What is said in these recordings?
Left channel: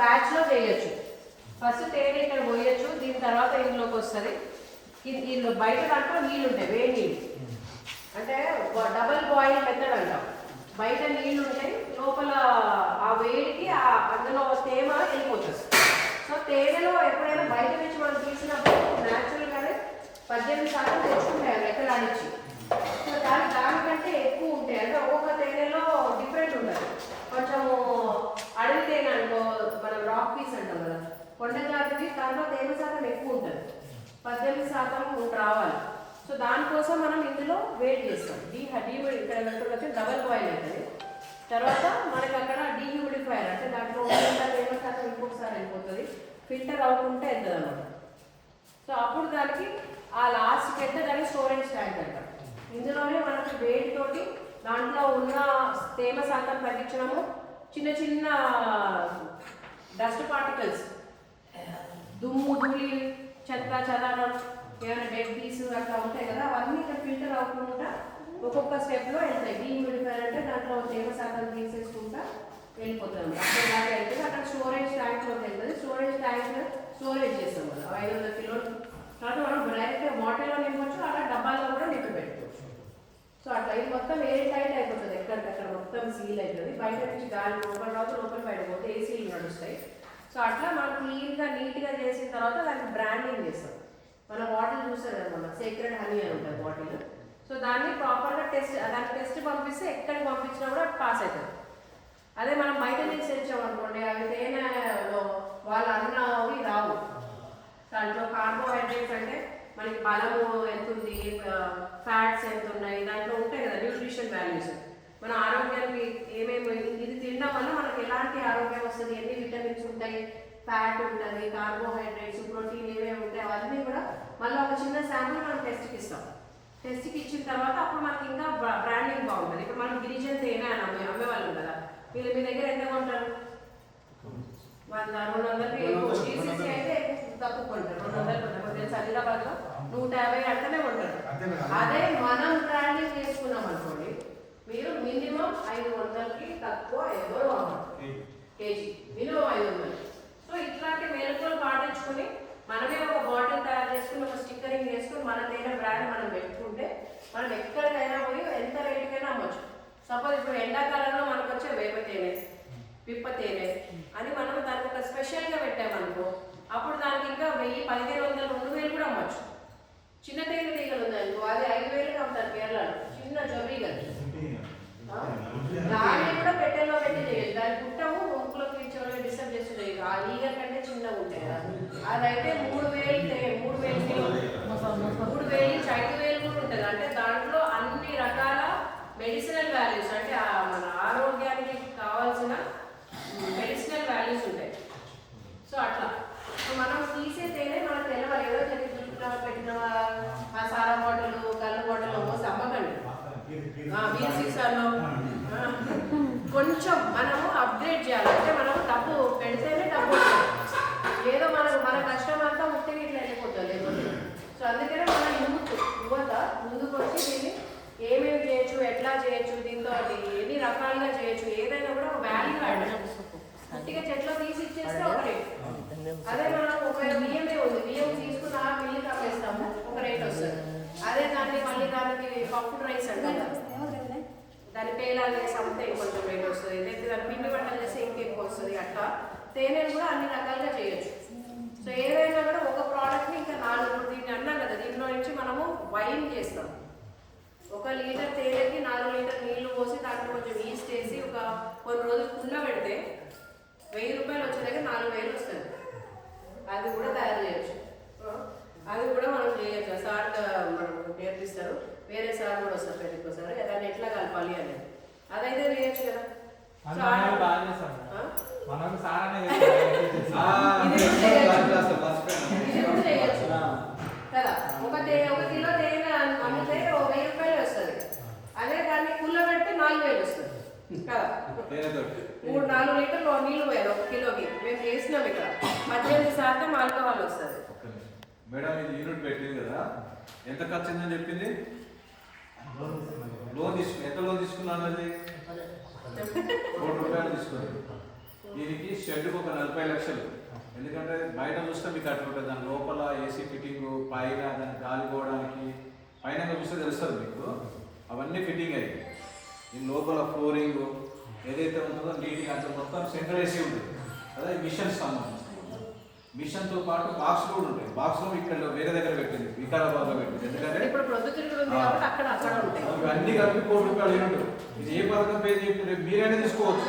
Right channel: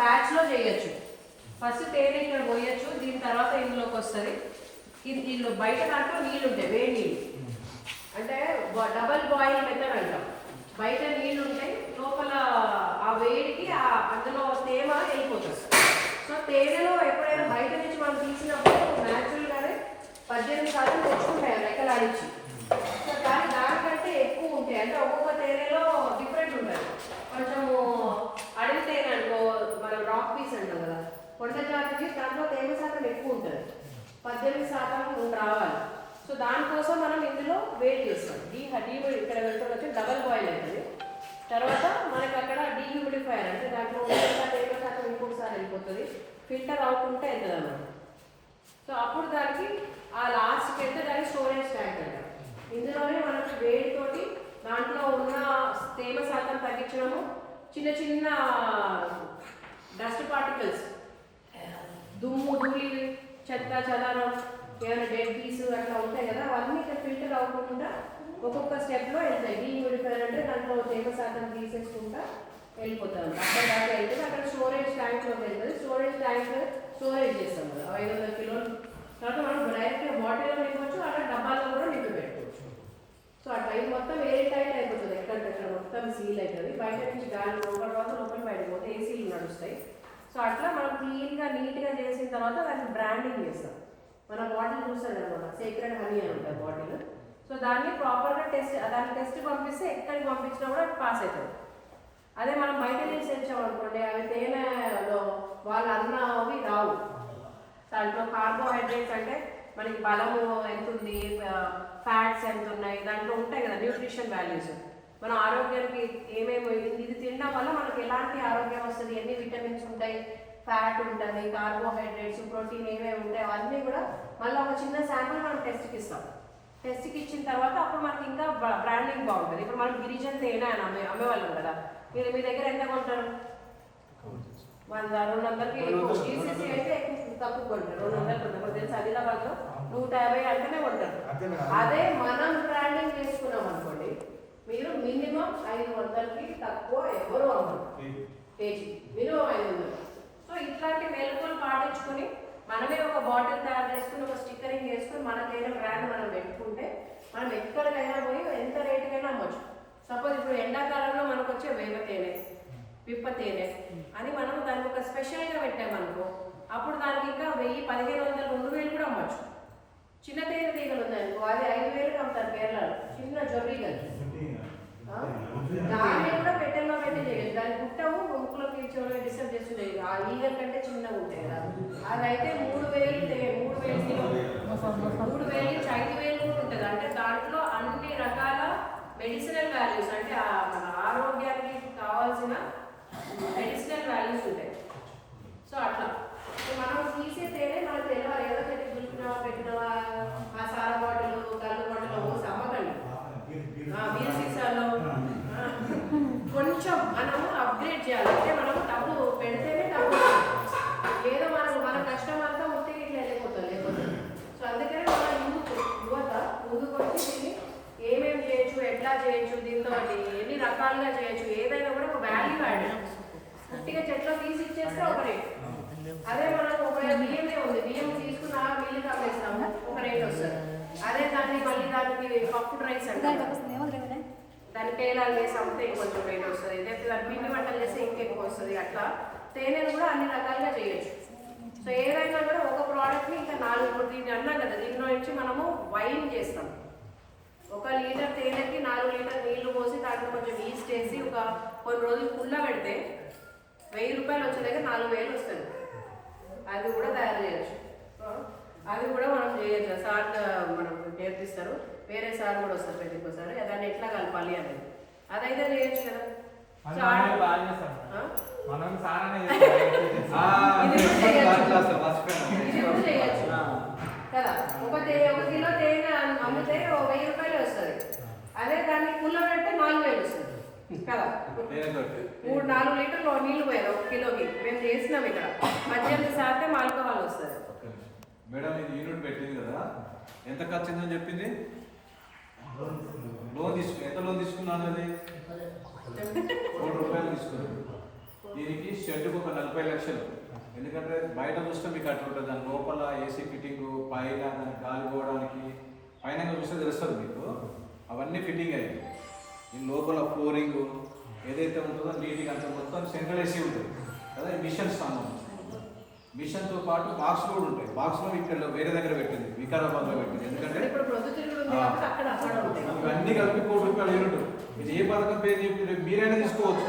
బ్యాచ్లో చేయొచ్చు. ఫస్ట్ తేనె ఇక్కడ పోయొచ్చు, దీని తర్వాత ఇంట్లోకి వస్తుంది. ఇల్లు బయట దాంట్లో నీళ్ళు ఉంటాయి, వేడి నీళ్ళు, అంటే డబల్ బాయిల్ మెథడ్ అంటాం. బయట నీళ్ళు ఉంటాయి, లోపల ఆ వేడికి అందులో తేమ వెళ్ళిపోతుంది. సో తేనెలో ఎప్పుడైనా బయట నుంచి మనం తీసినప్పుడు న్యాచురల్గానే 18% తెచ్చుకుంటాయి లెక్కలాడించి. సో దానికంటే ఎక్కువ ఉంటాయి, అంటే ఒక్కొక్క తేనెలో డిఫరెంట్ ఉంటాయి. కొంచెము అడవి తేనె అనుకో, మనం రాక్ పీస్ అంటాం కదా, కొండ జాతికి, దాంట్లో తేమ శాతం ఎక్కువ ఉంటుంది, 18% రావాలి. సో దానికోసం మనం ఇందులో వేడి చేస్తాం. ఇక్కడ వచ్చి డబల్ బాయిల్ అవుతుంది. తర్వాత మనకి అక్కడ డీహ్యూమిడిఫైయర్, అంటే దాంట్లో తేమ శాతం ఇంకొకసారి వెళ్ళిపోతుంది, ఫిల్టర్ అవ్వకుంటే వెళ్తుంది అన్నమాట. సో అప్పుడు దానికి ఆ లాస్ట్కి వెళ్తే దానికి స్టోరేజ్ ట్యాంక్ అంటాం. ఇందులోనే మనకి వేడితోటి దాంట్లో ఉన్న తేమ శాతం తగ్గించడము, చిన్న చిన్న డస్ట్ పార్టికల్స్, దుమ్ము ధూళి చెత్త చెదారం, ఏమైనా డెడ్ పీస్ అట్లా ఉంటాయి కదా, అవన్నీ ఇక్కడ ఫిల్టర్ అవ్వకుండా ఒక్కొక్క స్టెప్లో వెళ్తాయి. డీహ్యూమిడిఫైయర్ అంటే దాంట్లో తేమ శాతం తీసేసుకుంటా వెళ్ళిపోతుంది. అక్కడ దాకా వెళ్తుంది, అక్కడ స్టోరేజ్ ట్యాంక్లో వెళ్తుంది. స్టోరేజ్ ట్యాంక్ స్టోరేజ్ చేస్తాం కదా 500 కిలోలు. తర్వాత మనం డైరెక్ట్గా బాటిల్లో నింపవచ్చు, అలా డబ్బాల్లో కూడా నింపి పెట్టుకోవచ్చు. సో అట్లా ఇది మొత్తం ఎయిర్ టైట్ అయిపోతుంది, ఎక్కడికక్కడ మొత్తం సీల్ అవుతుంది. బయట నుంచి గాలి లోపల రాదు, లోపల బయట పోతే ఏసీలు నడుస్తాయి. సో అట్లా మనం క్లీన్గా నీట్గా చేసిన తర్వాత దాన్ని బ్రాండింగ్ చేస్తాం. మనం బాటిల్ చూస్తాం కదా, మన సీక్రెట్ హనీ అని ఉంటుంది బాటిల్. సో దాన్ని ప్రాపర్గా దానికి టెస్ట్ పంపిస్తే ఎక్కడికి పంపించినా కూడా పాస్ అవుతుంది. అదే మనం బయట నుంచి తెచ్చామనుకోండి, అవి తేనెలో వాళ్ళు అవి రావు. దాంట్లో కార్బోహైడ్రేట్స్ అంటే మనకి బలము ఎంత ఉంది, ఫ్యాట్స్ ఎంత ఉన్నాయి, దాంట్లో ఉంటాయి కదా న్యూట్రిషన్ వాల్యూస్. మన ఆరోగ్యానికి ఏమేమి ఇది తినడం వల్ల మనకి ఎలాంటి ఆరోగ్యం వస్తుంది, ఎన్ని విటమిన్స్ ఉంటాయి, ఫ్యాట్ ఉంటుంది, కార్బోహైడ్రేట్స్, ప్రోటీన్ ఏమేమి ఉంటాయి, అవన్నీ కూడా మళ్ళీ ఒక చిన్న శాంపుల్ మనం టెస్ట్కి ఇస్తాం. టెస్ట్కి ఇచ్చిన తర్వాత అప్పుడు మనకి ఇంకా బ్రాండింగ్ బాగుంటుంది. ఇప్పుడు మనకి గిరిజన్ తేనె అని అమ్మేవాళ్ళం కదా, మీరు మీ దగ్గర ఎంత కొంటారు? 100-200కి ఎక్కువ. టీసీసీ అయితే తక్కువ కొంటారు, 200 కొంటారు. తెలుసు ఆదిలాబాద్లో 150 అట్లనే కొంటారు. అదే మనం బ్రాండింగ్ చేసుకున్నాం అనుకోండి, మీరు మినిమం 500కి తక్కువ ఎవరు అవ్వరు, కేజీ మినిమం 500. సో ఇట్లాంటి మెలకువలు పాటించుకొని మనమే ఒక బాటిల్ తయారు చేసుకుని ఒక స్టిక్కరింగ్ చేసుకుని మన తేనె బ్రాండ్ మనం పెట్టుకుంటే మనం ఎక్కడికైనా పోయి ఎంత రేటుకైనా అమ్మచ్చు. సపోజ్ ఇప్పుడు ఎండాకాలంలో మనకు వచ్చే వేప తేనె, పిప్ప తేనె అని మనం దానికి ఒక స్పెషల్గా పెట్టామనుకో, అప్పుడు దానికి ఇంకా 1000, 1500, 2000 కూడా అమ్మచ్చు. చిన్న తేనె తీగలు ఉందనుకో, అది 5000కి అమ్ముతారు కేరళలో, చిన్న జొబీగలు. దాన్ని కూడా పెట్టెల్లో పెట్టి చేయొచ్చు. దాని గుట్టము ముక్కులో పీల్చోళ్ళు డిస్టర్బ్ చేస్తూ చేయదు. ఆ ఈగల కంటే చిన్నగా ఉంటాయి. అదైతే 3000 కిలో, 3000 నుంచి 5000 కూడా ఉంటుంది. అంటే దాంట్లో అన్ని రకాల మెడిసినల్ వాల్యూస్, అంటే మన ఆరోగ్యానికి కావాల్సిన మెడిసినల్ వాల్యూస్ ఉంటాయి. సో అట్లా మనం తీసే తేనె మనకు తెలవాలి. ఏదో చెప్పి చూసుకున్నావా, పెట్టినవా, ఆ సారా బాటిల్, కళ్ళు బాటిల్ పోసి అమ్మకండి. బీర్ సీసాల్లో కొంచెం మనము అప్గ్రేడ్ చేయాలి. అంటే మనము డబ్బు పెడితేనే డబ్బు, ఏదో మన కష్టం అంతా ముట్టికి ఇట్లా వెళ్ళిపోతుంది లేకపోతే. సో అందుకనే మన యువత ముందుకు వచ్చి దీన్ని ఏమేమి చేయొచ్చు, ఎట్లా చేయొచ్చు, దీంతో ఎన్ని రకాలుగా చేయొచ్చు, ఏదైనా కూడా ఒక వాల్యూ యాడ్. పూర్తిగా చెట్లో తీసి ఇచ్చేస్తే ఒక రేట్. అదే మనకు ఒకవేళ బియ్యమే ఉంది, బియ్యం తీసుకున్న మిల్లికి అమ్మేస్తాము, ఒక రేట్ వస్తుంది. అదే దాన్ని మళ్ళీ దానికి పప్పు రైస్ అంటాం, దాన్ని పేలాలు వేసి అమ్మితే కొంచెం రేట్ వస్తుంది. లేకపోతే దాన్ని పిండి వంటలు చేస్తే ఇంకెక్కువ వస్తుంది. అట్లా తేనెను కూడా అన్ని రకాలుగా చేయొచ్చు. సో ఏదైనా కూడా ఒక ప్రోడక్ట్ని ఇంకా 4, దీన్ని అన్నాం కదా, దీనిలో నుంచి మనము వైన్ చేస్తాం. 1 లీటర్ తేనెకి 4 లీటర్ నీళ్లు పోసి దాంట్లో కొంచెం ఈస్ట్ వేసి ఒక కొన్ని రోజులు కుళ్ళ పెడితే 1000 రూపాయలు వచ్చే దగ్గర 4000 వస్తుంది. అది కూడా తయారు చేయొచ్చు. అది కూడా మనం చేయొచ్చు. సార్ మనం నేర్పిస్తారు, వేరే సార్ కూడా వస్తారు ప్రతి ఒక్కసారి. దాన్ని ఎట్లా కలపాలి అని అదైతే చేయొచ్చు కదా. చేయొచ్చు కదా. 1 కిలో తేనె అమ్మితే 1000 రూపాయలు వస్తుంది. అదే దాన్ని కుళ్ళ పెడితే 4000 వస్తుంది కదా. 3-4 లీటర్లు నీళ్లు పోయారు 1 కిలోకి. మేము చేసినాం ఇక్కడ 18% ఆల్కహాల్ వస్తుంది. మేడం ఇది యూనిట్ పెట్టింది కదా, ఎంత ఖర్చు అయిందని చెప్పింది? లోన్ ఎంత లోన్ తీసుకున్నాను? అది 1 కోటి రూపాయలు తీసుకుంది. దీనికి షెడ్కి ఒక 40 లక్షలు. ఎందుకంటే బయట చూస్తే మీకు అట్లా ఉంటుంది, దాని లోపల ఏసీ ఫిట్టింగ్, పైన దానికి గాలి పోవడానికి పైన చూస్తే తెలుస్తుంది మీకు. అవన్నీ ఫిట్టింగ్ అయ్యి దీని లోపల ఫ్లోరింగ్ ఏదైతే ఉంటుందో నీట్గా అంత మొత్తం సెంట్రల్ ఏసీ ఉంటుంది కదా. ఈ మిషన్స్ సంబంధించి మిషన్తో పాటు బాక్స్లు కూడా ఉంటాయి. బాక్స్లో ఇక్కడ వేరే దగ్గర పెట్టింది, వికారాబాద్లో పెట్టింది. ఎందుకంటే ఇవన్నీ కలిపి ₹1,00,00,000 యూనిట్. ఇది ఏ పథకం పేరు చెప్పి రేపు మీరైనా తీసుకోవచ్చు.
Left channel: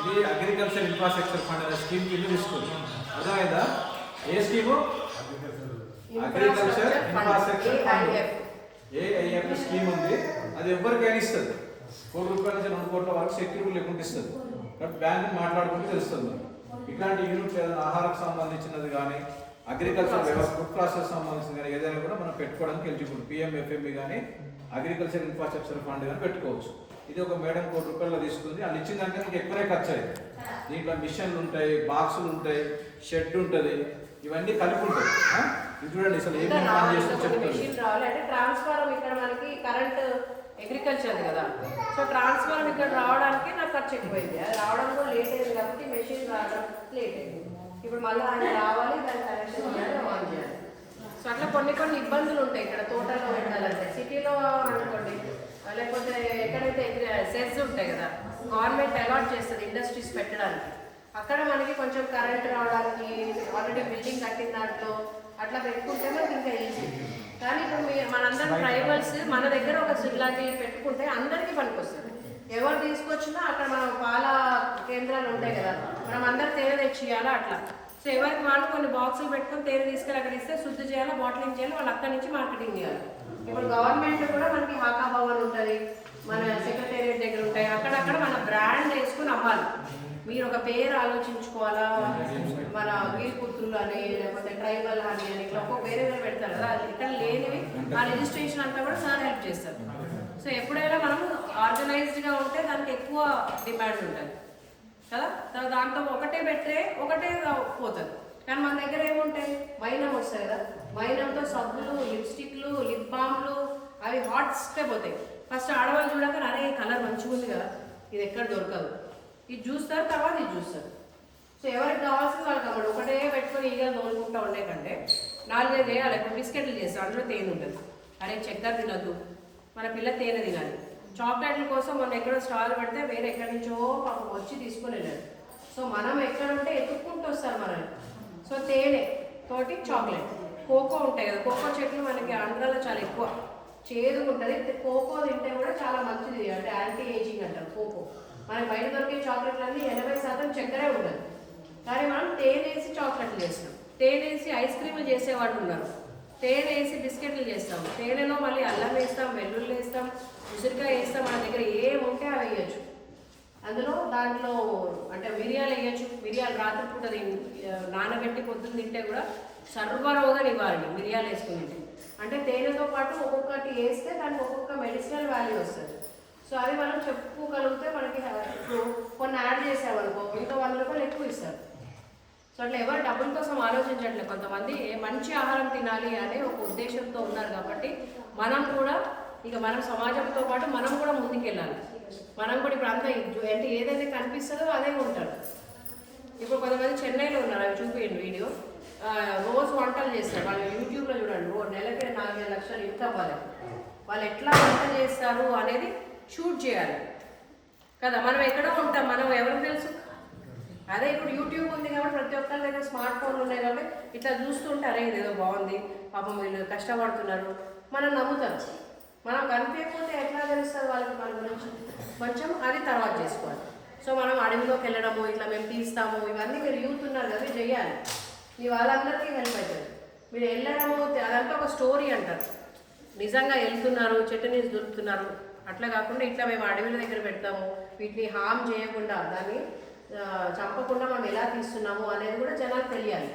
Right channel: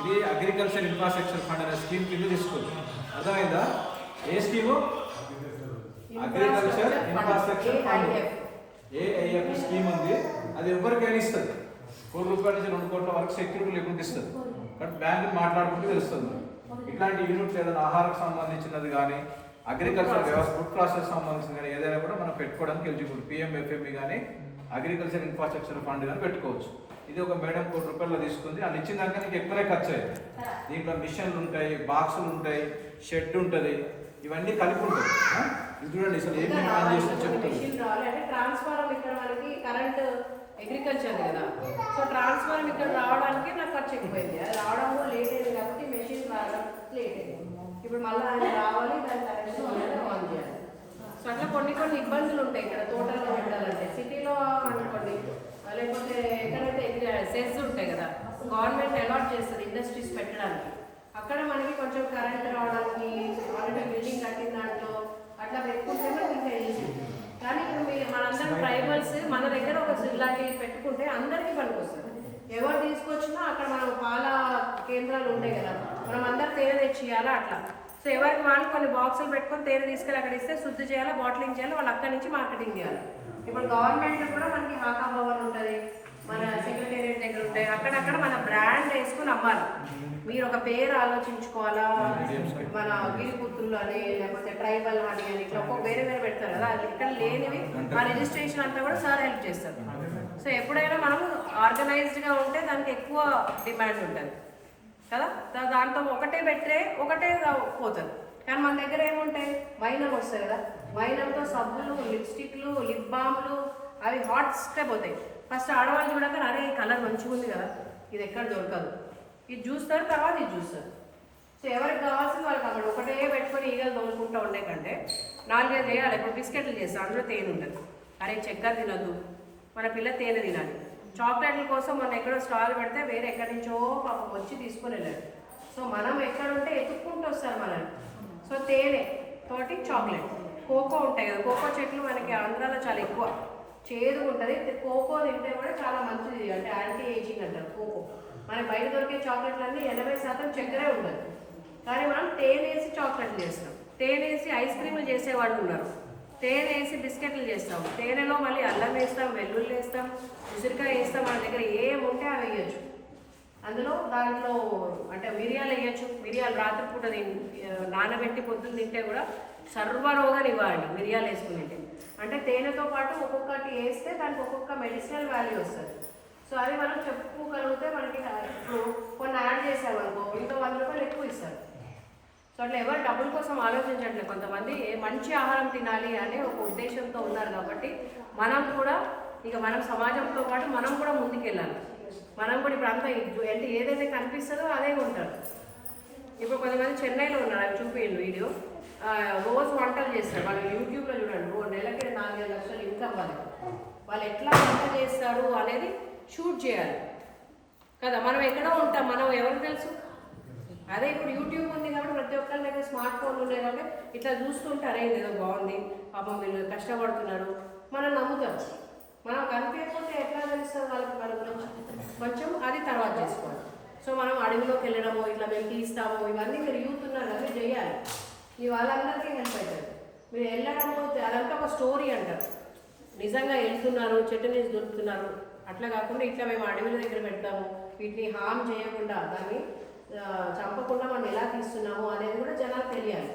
ఇది అగ్రికల్చర్ ఇన్ఫ్రాస్ట్రక్చర్ ఫండ్ అనే స్కీమ్ కింద తీసుకోవచ్చు. అర్థమైందా? ఏ scheme? Agriculture infrastructure fund, AIF scheme ఉంది. అది ఎవరికైనా ఇస్తుంది. ₹1,00,00,000 నుంచి ₹2 కోట్ల వరకు సెక్యూరిటీ లేకుండా ఇస్తుంది. కాబట్టి బ్యాంకు మాట్లాడుకుంటే తెలుస్తుంది. ఇట్లాంటి యూనిట్లు ఏదైనా ఆహారకు సంబంధించినది కానీ, అగ్రికల్చర్ వ్యవస్థ ఫుడ్ ప్రాసెస్ సంబంధించిన కానీ ఏదైనా కూడా మనం పెట్టుకోవడానికి ఎలిజిబుల్. PMFME కానీ అగ్రికల్చర్ ఇన్ఫ్రాస్ట్రక్చర్ ఫండ్ కానీ పెట్టుకోవచ్చు. ఇది ఒక మేడం ₹1,00,00,000 తీసుకుంది. వాళ్ళు ఇచ్చిన దానికన్నా నీకు ఎక్కువనే ఖర్చు అయ్యింది. దీంట్లో మిషన్లు ఉంటాయి, బాక్సులు ఉంటాయి, షెడ్ ఉంటుంది, ఇవన్నీ కలిపి ఉంటుంది. ఇది చూడండి అసలు ఏం పని చేస్తుందో చెప్తుంది. ట్రాన్స్ఫార్మర్ ఇక్కడ మనకి కరెంట్ అగ్రికల్చర్ కదా, సో ట్రాన్స్ఫార్మర్ ఇక్కడ రావడానికి నాకు ఖర్చు ఎక్కువైంది. అది రావడం కూడా లేట్ అయింది కాబట్టి మెషిన్ రావడం లేట్ అయింది. ఇప్పుడు మళ్ళీ ఆయన రావాలి, దాని కనెక్షన్ చేయాలి, ఆన్ చేయాలి. సో అట్లా కొన్ని ఇబ్బందులు ఉంటాయి ఇక్కడ తోటల్లో పెట్టాలంటే. సిటీలో అనుకోండి, లేకపోతే ఎక్కడైతే సెస్ ఉంటాయి కదా, గవర్నమెంట్ అలాట్ చేస్తుంది ఇండస్ట్రీస్ పెట్టడానికి. అక్కడ మనకి కొంచెం కరెంట్ రావడానికి ఆల్రెడీ బిల్డింగ్ కట్టిన దాంట్లో అట్లా పెట్టుకుంటే మనకి ఇంకా ఈజీ. కానీ ఇప్పుడు మనందరం ట్రైబల్స్ మన దగ్గర ఒక ఇలాంటివి పెట్టుకుంటే అందరికీ పనికొస్తుంది. ఎవరు తీసుకొచ్చినా అక్కడ మనం పాల కేంద్రాలు ఉంటాయి కదా, మనం అందరు తేనె తెచ్చియాలా అట్లా. సో ఎవరికి వాళ్ళు కొన్ని బాక్సులు పెట్టుకొని తేనె తీసుకెళ్ళి అక్కడ ఇస్తే శుద్ధి చేయాలి, బాటిలింగ్ చేయాలి, వాళ్ళు అక్కడి నుంచి మార్కెటింగ్ చేయాలి. ఇప్పుడు గవర్నమెంట్ కూడా మనకి హాకా భవన్ ఉంటుంది, మన సెక్రటేరియట్ దగ్గర ఉంటాయి, అక్కడక్కడ మన బ్రాండ్ వేసుకుని అమ్మాలి. మీరు ఒక పేరు ఆలోచించుకోవాలా, మన వీరపుత్రులు అని లేకపోతే ట్రైబల్ అని ఇట్లా ఒక్కొక్క వేరే పెడతారు కదా, ఇక్కడ లేనివి ఆ రిజిస్ట్రేషన్ అంతా కూడా సార్ హెల్ప్ చేస్తారు. సో ఎప్పుడైనా మనం ఆర్గనైజ్డ్గా ఉంటే దానికి ఎక్కువ డిమాండ్ ఉంటుంది కదా. దాంతో ఒకటే పెట్టే ఒకటే పోతుంది. కానీ మన దగ్గర ఏముంటాయి, మైనం వస్తాయి కదా, మైనంతో సబ్బులు, లిప్స్టిక్లు, లిప్ బామ్లు అవి హాట్స్కే పోతాయి. ఫస్ట్ ఆడవాళ్ళు చూడక అరే ఈ కలర్ మంచిగా ఉంది కదా, ఇది ఎక్కడ దొరకదు, ఇది చూస్తారు, తర్వాత ఇది చూస్తారు. సో ఎవరికి కావాల్సింది వాళ్ళకి అక్కడ ఒకటే పెట్టుకొని ఈగలు తోలుకుంటూ ఉండే కంటే 4-5 వేయాలి. ఇప్పుడు బిస్కెట్లు చేస్తాం, అందులో తేనె ఉంటుంది. అరే చక్కెర తినద్దు, మన పిల్ల తేనె తినాలి. చాక్లెట్ల కోసం మొన్న ఎక్కడో స్టాల్ పెడితే వేరే ఎక్కడి నుంచో పాపం వచ్చి తీసుకొని వెళ్ళాడు. సో మనం ఎక్కడుంటే ఎత్తుక్కుంటూ వస్తారు మనల్ని. సో తేనె తోటి చాక్లెట్, కోకో ఉంటాయి కదా, కోకో చెట్లు మనకి ఆంధ్రాలో చాలా ఎక్కువ చేదుగా ఉంటుంది. కోకో తింటే కూడా చాలా మంచిది, అంటే యాంటీ ఏజింగ్ అంటారు కోకో. మనకి బయట దొరికే చాక్లెట్లన్నీ 80% చక్కెరే ఉంటుంది. కానీ మనం తేనె వేసి చాక్లెట్లు చేస్తాం, తేనె వేసి ఐస్ క్రీములు చేసేవాళ్ళు ఉన్నారు, తేనె వేసి బిస్కెట్లు చేస్తాం, తేనెలో మళ్ళీ అల్లం వేస్తాం, వెల్లుల్లి వేస్తాం, ఉసిరికాయ వేస్తాం. మన దగ్గర ఏముంటే అవి వేయచ్చు. అందులో దాంట్లో అంటే మిరియాలు వేయచ్చు. మిరియాలు రాత్రిపూట నానబెట్టి పొద్దున్న తింటే కూడా సర్వరోగ నివారణ మిరియాలు వేసుకుని తింటే. అంటే తేనెతో పాటు ఒక్కొక్కటి వేస్తే దానికి ఒక్కొక్క మెడిసినల్ వాల్యూ వస్తుంది. సో అది మనం చెప్పుకోగలిగితే మనకి ఇప్పుడు కొన్ని యాడ్ చేసామనుకో ఇంకా ₹100 ఎక్కువ ఇస్తారు. సో అట్లా ఎవరు డబ్బుల కోసం ఆలోచించట్లేదు. కొంతమంది మంచి ఆహారం తినాలి అనే ఒక ఉద్దేశంతో ఉన్నారు. కాబట్టి మనం కూడా ఇక మనం సమాజంతో పాటు మనం కూడా ముందుకెళ్ళాలి. మనం కూడా ఇప్పుడు అంతా అంటే ఏదైతే కనిపిస్తుందో అదే ఉంటారు. ఇప్పుడు కొంతమంది చెన్నైలో ఉన్నారు, అవి చూపించండి వీడియో. రోజు వంటలు చేస్తారు, వాళ్ళు యూట్యూబ్లో చూడండి. నెలకి 4-5 లక్షలు ఇన్కమ్ వాళ్ళకి. వాళ్ళు ఎట్లా వంట చేస్తారు అనేది షూట్ చేయాలి కదా. మనం ఎక్కడో ఉంటాం, మనం ఎవరికి తెలుసు. అదే ఇప్పుడు యూట్యూబ్ ఉంది కాబట్టి ప్రతి ఒక్కరి దగ్గర స్మార్ట్ ఫోన్లు ఉన్నాయి కాబట్టి ఇట్లా చూస్తుంటారే ఇదేదో బాగుంది, పాపం వీళ్ళు కష్టపడుతున్నారు, మనం నమ్ముతారు. మనం కనిపించకపోతే ఎట్లా తెలుస్తుంది వాళ్ళకి మన గురించి? కొంచెం అది తర్వాత చేసుకోవాలి. సో మనం అడవిలోకి వెళ్ళడము, ఇట్లా మేము తీస్తాము, ఇవన్నీ మీరు యూత్ ఉన్నారు కదా, మీరు చేయాలి. మీ వాళ్ళందరికీ హెల్ప్ అవుతుంది. మీరు వెళ్ళడము అదంతా ఒక స్టోరీ అంటారు. నిజంగా వెళ్తున్నారు, చట్నీస్ దొరుకుతున్నారు, అట్లా కాకుండా ఇట్లా మేము అడవుల దగ్గర పెడతాము, వీటిని హామ్ చేయకుండా దాన్ని చంపకుండా మనం ఎలా తీస్తున్నాము అనేది కూడా జనాలు తెలియాలి.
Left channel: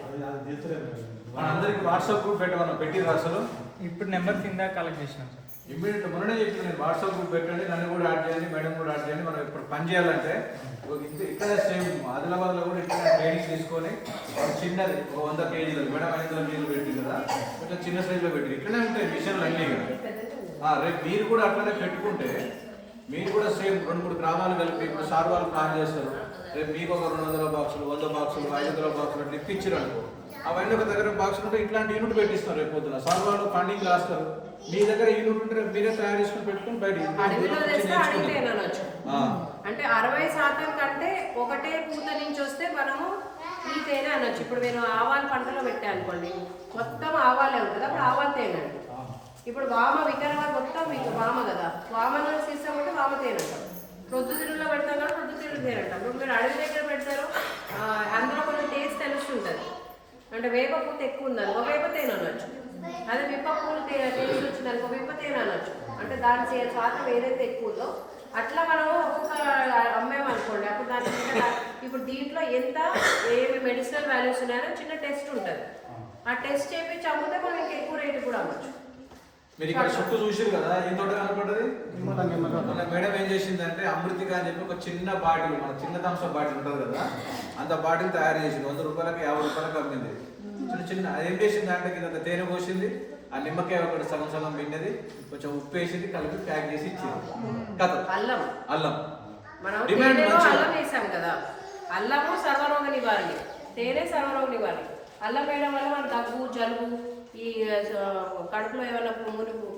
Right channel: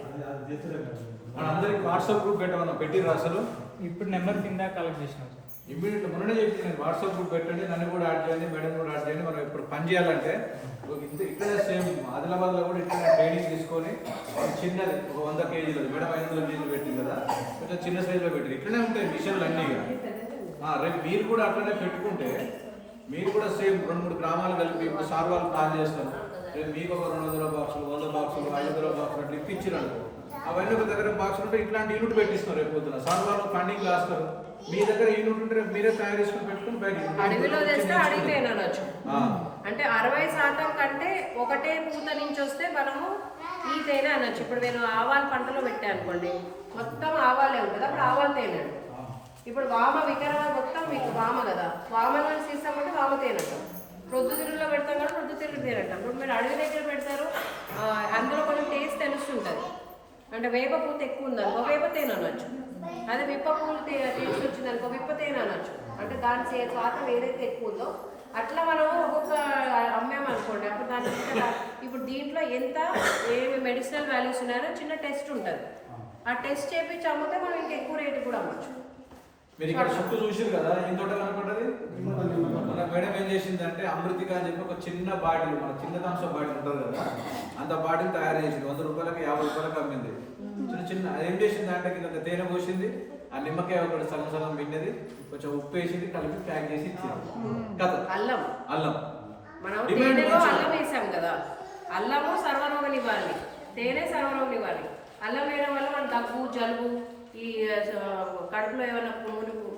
మన అందరికి వాట్సాప్ గ్రూప్ పెట్టిరా అసలు? ఇప్పుడు నెంబర్ కింద కలెక్ట్ చేసినాం. ఇమ్మీడియట్ మొన్ననే చెప్పింది నేను, వాట్సాప్ గ్రూప్ పెట్టండి, నన్ను కూడా యాడ్ చేయండి, మేడం కూడా యాడ్ చేయండి. మనం ఇప్పుడు పని చేయాలంటే ఇక్కడే సేమ్ ఆదిలాబాద్లో కూడా ఇక్కడ ట్రైనింగ్ తీసుకొని చిన్నది ఒక 100 కేజీలు, మేడం 500 కేజీలు పెట్టింది కదా, కొంచెం చిన్న సైజులో పెట్టి ఇట్లనే ఉంటాయి మిషన్లు అన్నీ. రేపు మీరు కూడా అట్లనే పెట్టుకుంటే మీరు కూడా సేమ్ 2-3 గ్రామాలు కలిపి ఇప్పుడు సార్ వాళ్ళు ప్లాన్ చేస్తారు, రేపు మీకు ఒక 200 బాక్సులు 100 బాక్సులు 500 బాక్సులు అట్లా ఇప్పించారు అనుకో, అవన్నీ ఒక దగ్గర బాక్సులు ఉంటే ఇట్లాంటి యూనిట్ పెట్టిస్తారు రేపు పొద్దున. సర్వర్లో ఫండింగ్ రాస్తారు, మీ దగ్గర యూనిట్ ఉంటే రేపు మీరే తయారు చేసుకుని పెట్టుకుని బయట అడవిలో తెస్తే అడిగితే అనొచ్చు. అంటే 60% కంటే ఒకటే పూత నుంచి వస్తే మనము ఈ తేనె అనొచ్చు. ఇప్పుడు నేను ఆవాల పంటలో పెట్టాను అనుకోండి, మొత్తం ఆవాలే ఉంటుంది, అప్పుడు ఆవాల తేనె అండి. ఇప్పుడు వామ వికరవాద మొత్తం మీకు వామ కదా, వామ నుంచి తీస్తామంటే వామ తేనె అంటాం. ప్రొద్దుతిరుగులో పెడతాం కాబట్టి ప్రొద్దుతిరుగు తేనె అంటాం. ఇప్పుడు మీరు అడవి దగ్గర పెడతారు, అందులో కొంచెం టేస్ట్ తెలుస్తుంటుంది. అంటే వేప పూత ఎక్కువ ఉందనుకో వేప తేనె అనొచ్చు, అదే విప్ప పూలు టేస్ట్ వచ్చిందనుకో విప్ప తేనె అనొచ్చు. అంటే దాని శాతం ఏదైతే ఎక్కువ ఉందో అట్లా మనం ఒక్కొక్క అమ్మేమనుకోండి, అప్పుడు దాని ఇప్పుడు దీంట్లో ఎంత ఏమి మెడిసినల్ వాల్యూస్ ఉన్నాయో చిన్న టెస్ట్ ఉంటుంది. ఆ టెస్ట్ చేపించి అమ్మితే మనం ఇంకా ఎక్కువ రేటు కూడా అమ్మచ్చు. మీరు ఇక్కడ చుట్టూ చూసారు కదా, ఏం తోట కనుకుంటది. మన మేడం ఏం చేసిందంటే అమృతిక అని చెప్పి ఒక చిన్న బాటిల్, మన చిన్న థమ్స్ బాటిల్ ఉంటుంది కదా, అంత బాటిల్ తయారు చేసింది. 100 రూపాయలకి 50 రూపాయలకి అమ్మింది. చిన్న చిన్న ఏం చేసింది అంటే కింద తేనె పోసింది, ఆ నిమ్మకాయ ఒకటి సగం సగం విన్నది, కొంచెం ఉప్పు వేసింది, కలిపి ప్యాక్ చేసి ఇచ్చింది. కథ అల్లం అల్లం మనం తేనెలో అల్లం వేసాం కదా, అల్లము సర్వరోగ నివారణ, తేనె సర్వరోగ నివారణ. అల్లం వేయడం వల్ల మన దగ్గు జలుబు ఈ కడుపులో ఏమైనా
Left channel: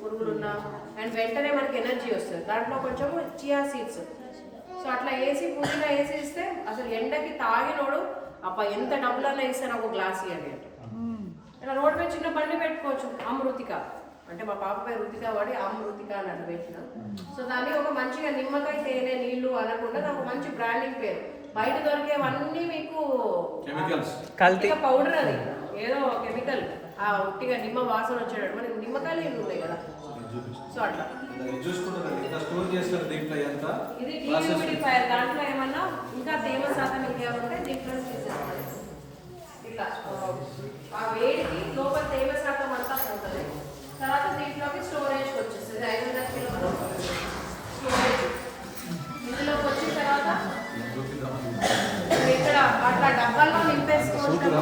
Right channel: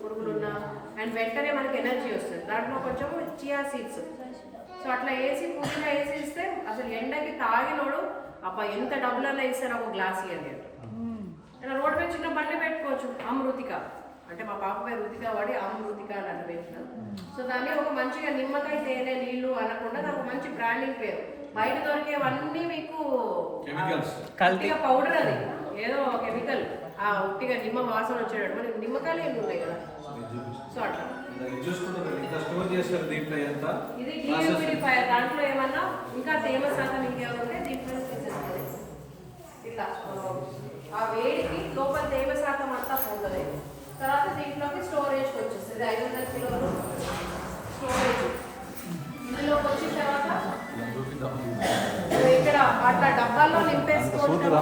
పురుగులు ఉన్నా అండ్ వెంటనే మనకి ఎనర్జీ వస్తుంది. దాంట్లో కొంచెం చియా సీడ్స్, సో అట్లా వేసి పుదీనా వేసి ఇస్తే అసలు ఎండకి తాగినోడు అబ్బా ఎంత డబ్బులన్నా ఇస్తే నాకు గ్లాస్ ఇవ్వండి అంటే. ఇలా రోడ్డు మీద చిన్న బండి పెట్టుకోవచ్చు, అమృతిక అంటే మా పాప పేరు రుతిక వాడి అమృతిక అని అట్లా పెట్టిన. సో దాన్ని ఒక మంచిగా నిమ్మకాయ తేనె నీళ్లు అనకుండా నాకు మంచి బ్రాండింగ్ పేరు. బయట దొరికేవన్నీ మీకు కల్తీగా పౌడర్, అది ఏదో కెమికల్, ఆ ఉట్టిగా నిమ్మ వాసన వచ్చేటట్టు మనకి నిమ్మకాయలు ఏమి ఉన్నాయి కదా, సో అట్లా ఇది డీహ్యూమిడిఫైయర్. దాంట్లో ఏమన్నా ఇంకా తేమ శాతం ఇంకేమైనా ఉంటే దీంట్లో తీసేసుకోండి. ఇట్లా ఆ వేడికి లోపల తేమ శాతం అంతా పోతుంది. తర్వాత దీంట్లోకి స్టోరేజ్ వచ్చేస్తుంది 500 కిలోలు స్టోరేజ్. ఇందులోకి వచ్చిన తర్వాత ఇక్కడ అట్లా డబ్బాల్లో నింపేసుకుంటాము,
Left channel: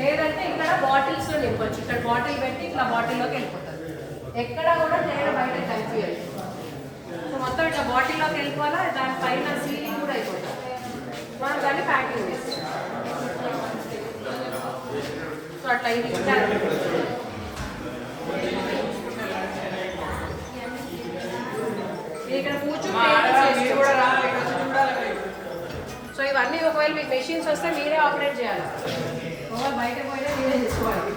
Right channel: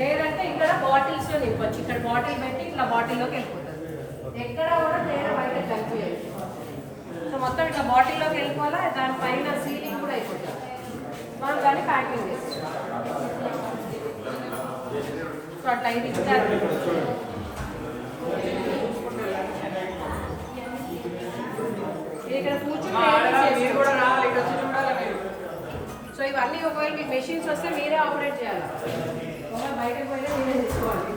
లేదంటే ఇక్కడ బాటిల్స్ లో నింపొచ్చు. ఇక్కడ బాటిల్ పెట్టి ఇట్లా బాటిల్లోకి వెళ్ళిపోతుంది. ఎక్కడ కూడా తేనె బయట కలిపియాలి. సో మొత్తం ఇట్లా బాటిల్లోకి వెళ్ళిపోవాలా, దానిపైన సీలింగ్ కూడా అయిపోతుంది. మనం దాన్ని ప్యాకింగ్ చేస్తాం. సో అట్లా ఇది ఇక్కడ కూర్చొని. సో ఇవన్నీ ఒకవేళ మీకు మెషిన్స్ వస్తే మీరే ఆపరేట్ చేయాలి, బయటకు పోయినా మీరే తీసుకోవాలి.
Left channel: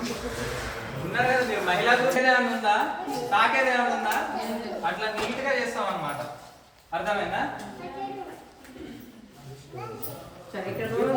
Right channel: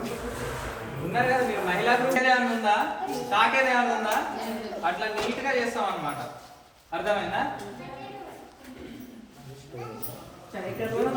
ఉన్నారు కదా మీరు, మహిళా గురించి ఏమైనా ఉందా, తాకేది ఏమైనా ఉందా, అట్లా నీట్ గా చేస్తాం అన్నమాట. అర్థమైందా? సరే ఇక్కడ